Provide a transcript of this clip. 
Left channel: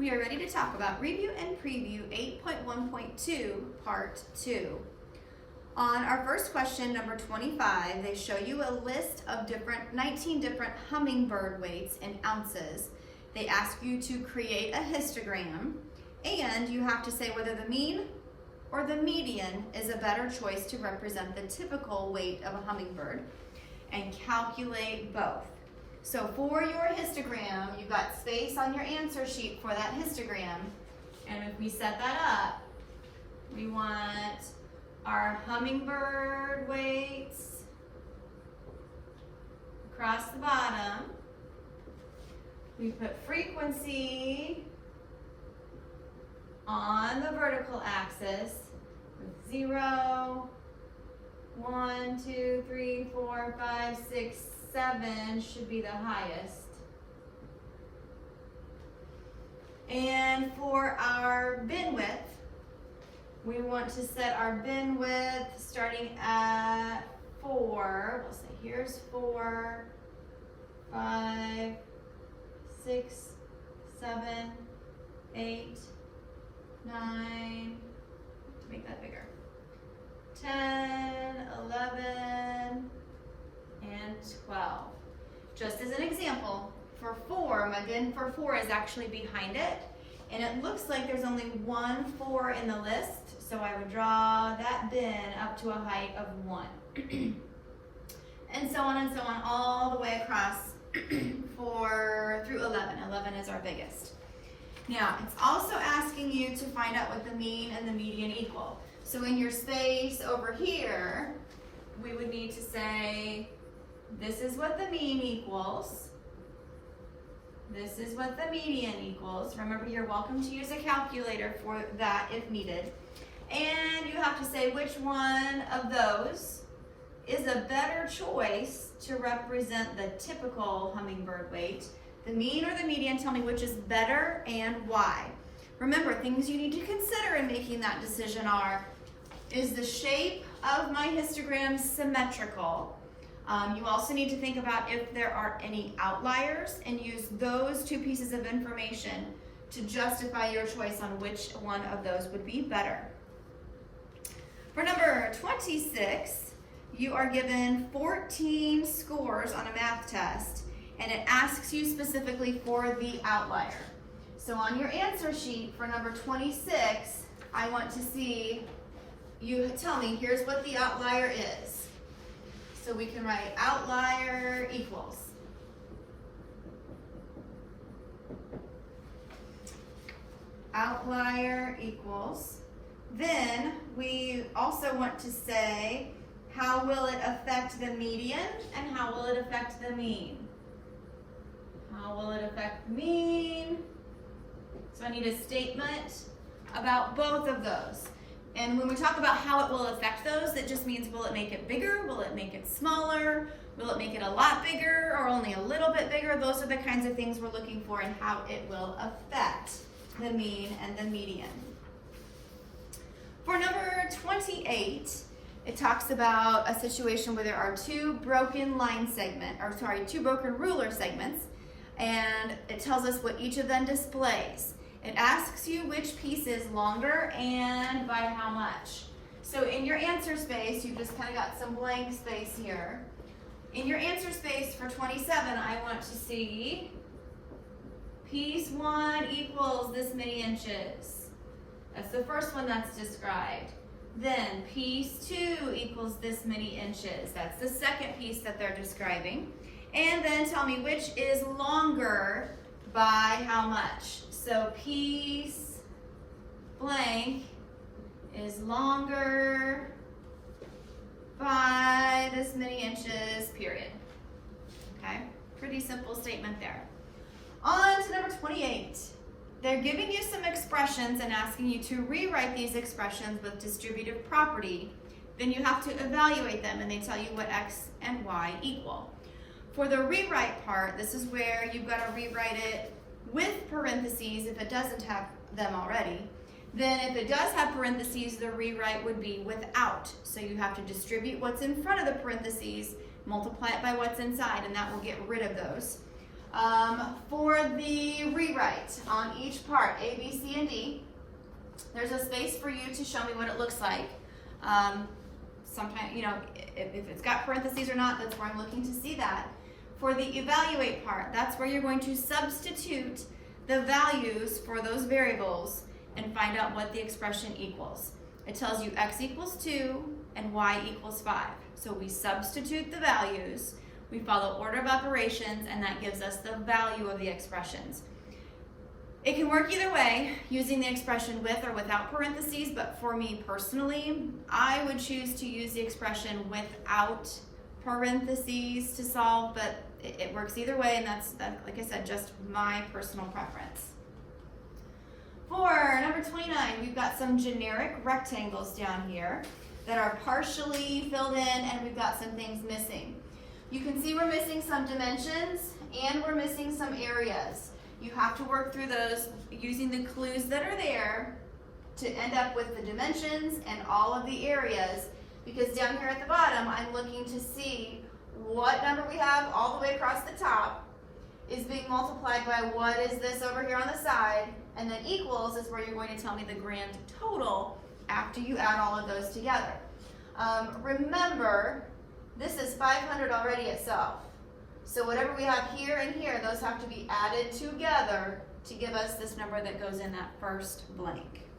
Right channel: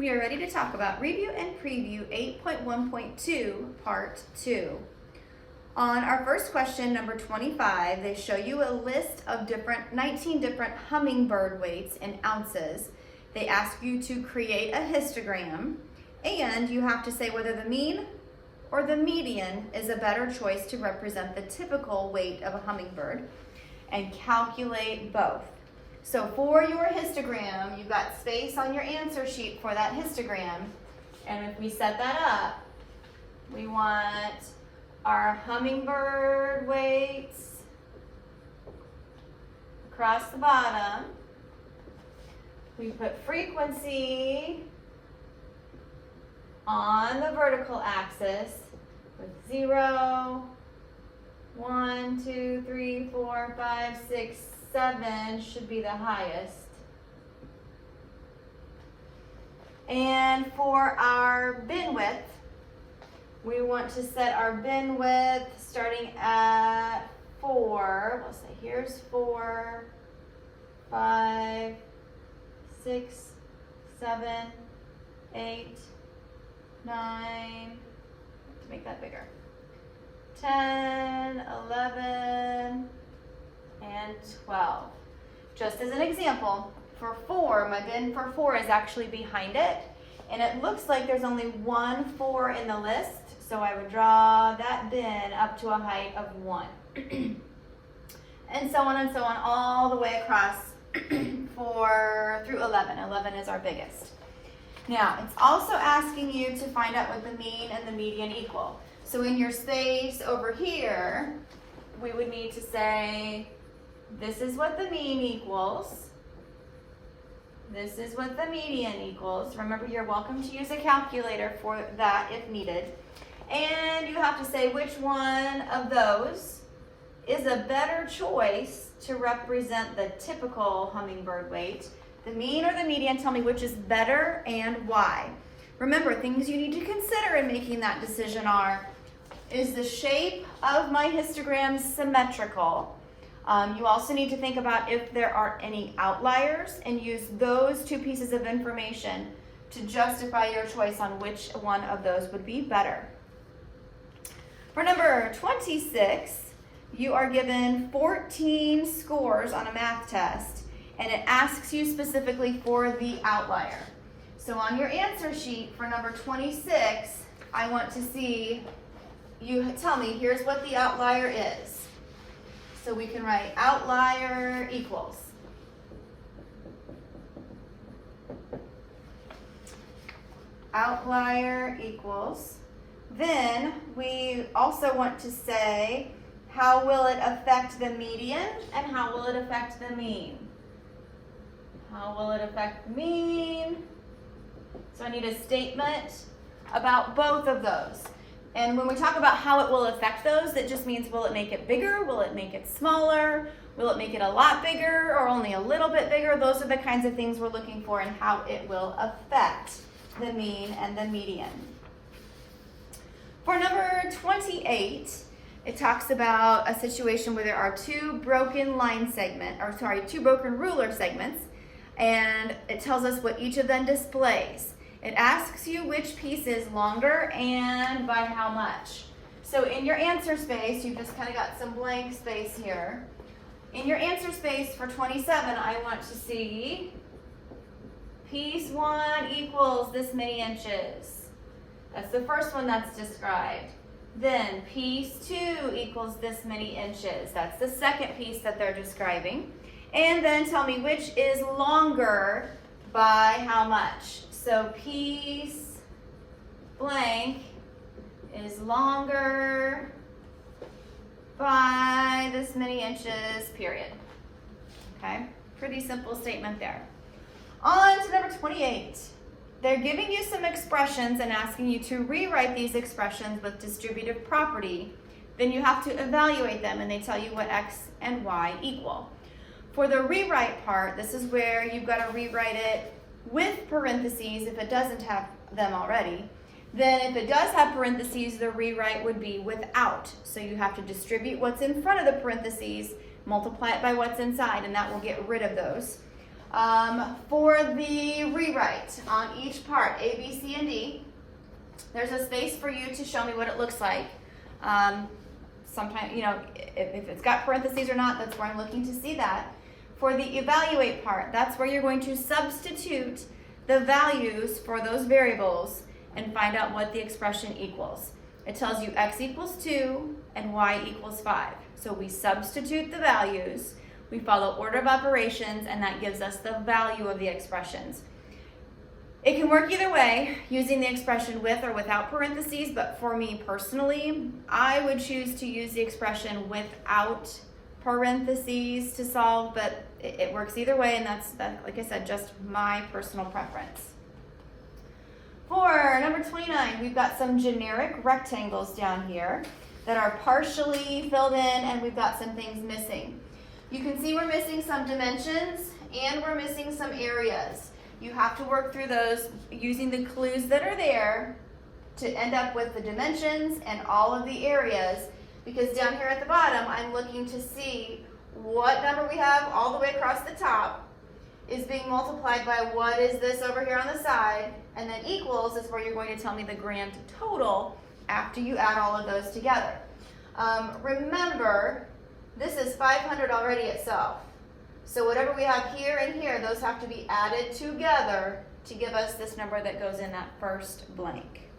We are ready to talk about Review and Preview 8.1.2, Part 2. On our first question, number 25, they show you a list of 19 different hummingbird weights in ounces. They ask you to create a histogram, and you have to say whether the mean or the median is a better choice to represent the typical weight of a hummingbird, and calculate both. So for your histogram, you've got space on your answer sheet for that histogram. And if we set that up, we want our hummingbird weights across the bottom. We put frequency on the vertical axis with 0, 1, 2, 3, 4, 5, 6, 7 should be the highest. And for our bin width, we want to set our bin width starting at 4. We'll say here's 4, 5, 6, 7, 8, 9, to make that bigger, 10, 11, and 12. Just as an example, for 4, my bin for 4 is actually behind it, and it looks like there's only one 4 in the list, so I would draw that bin up to a height of 1. And so on all the way across through 11. 11 is our biggest. Now, it's also asking you to find out what the mean and the median equal. So in your space over here, we would need to say, this is what the mean equals. This is what the median equals. Remember, you're welcome to use a calculator for that if needed. And you have to say which one of those is a better choice to represent the typical hummingbird weight. The mean or the median, tell me which is better and why. Remember, things you need to consider in making that decision are, is the shape of my histogram symmetrical? You also need to think about if there are any outliers and use those two pieces of information to justify your choice on which one of those would be better. For number 26, you are given 14 scores on a math test, and it asks you specifically for the outlier. So on your answer sheet for number 26, I want to see you tell me, here's what the outlier is. So we can write outlier equals. Outlier equals. Then we also want to say, how will it affect the median and how will it affect the mean? How will it affect mean? So I need a statement about both of those. And when we talk about how it will affect those, that just means, will it make it bigger? Will it make it smaller? Will it make it a lot bigger or only a little bit bigger? Those are the kinds of things we're looking for in how it will affect the mean and the median. For number 28, it talks about a situation where there are two broken ruler segments, and it tells us what each of them displays. It asks you which piece is longer and by how much. So in your answer space, you've just kind of got some blank space here. In your answer space for 27, I want to see piece 1 equals this many inches. That's the first one that's described. Then piece 2 equals this many inches. That's the second piece that they're describing. And then tell me which is longer by how much. So piece blank is longer by this many inches, period. Okay, pretty simple statement there. On to number 28. They're giving you some expressions and asking you to rewrite these expressions with distributive property. Then you have to evaluate them, and they tell you what x and y equal. For the rewrite part, this is where you've got to rewrite it with parentheses if it doesn't have them already. Then if it does have parentheses, the rewrite would be without. So you have to distribute what's in front of the parentheses, multiply it by what's inside, and that will get rid of those. For the rewrite on each part, A, B, C, and D, there's a space for you to show me what it looks like. Sometimes, if it's got parentheses or not, that's where I'm looking to see that. For the evaluate part, that's where you're going to substitute the values for those variables and find out what the expression equals. It tells you x equals 2 and y equals 5. So we substitute the values, we follow order of operations, and that gives us the value of the expressions. It can work either way, using the expression with or without parentheses, but for me personally, I would choose to use the expression without parentheses to solve, but it works either way, and that's, like I said, just my personal preference. For number 29, we've got some generic rectangles down here that are partially filled in, and we've got some things missing. You can see we're missing some dimensions and we're missing some areas. You have to work through those using the clues that are there to end up with the dimensions and all of the areas, because down here at the bottom, I'm looking to see what number we have all the way across the top is being multiplied by what is this over here on the side, and then equals is where you're going to tell me the grand total after you add all of those together. Remember, this is 500 already itself. So whatever we have here and here, those have to be added together to give us this number that goes in that first blank.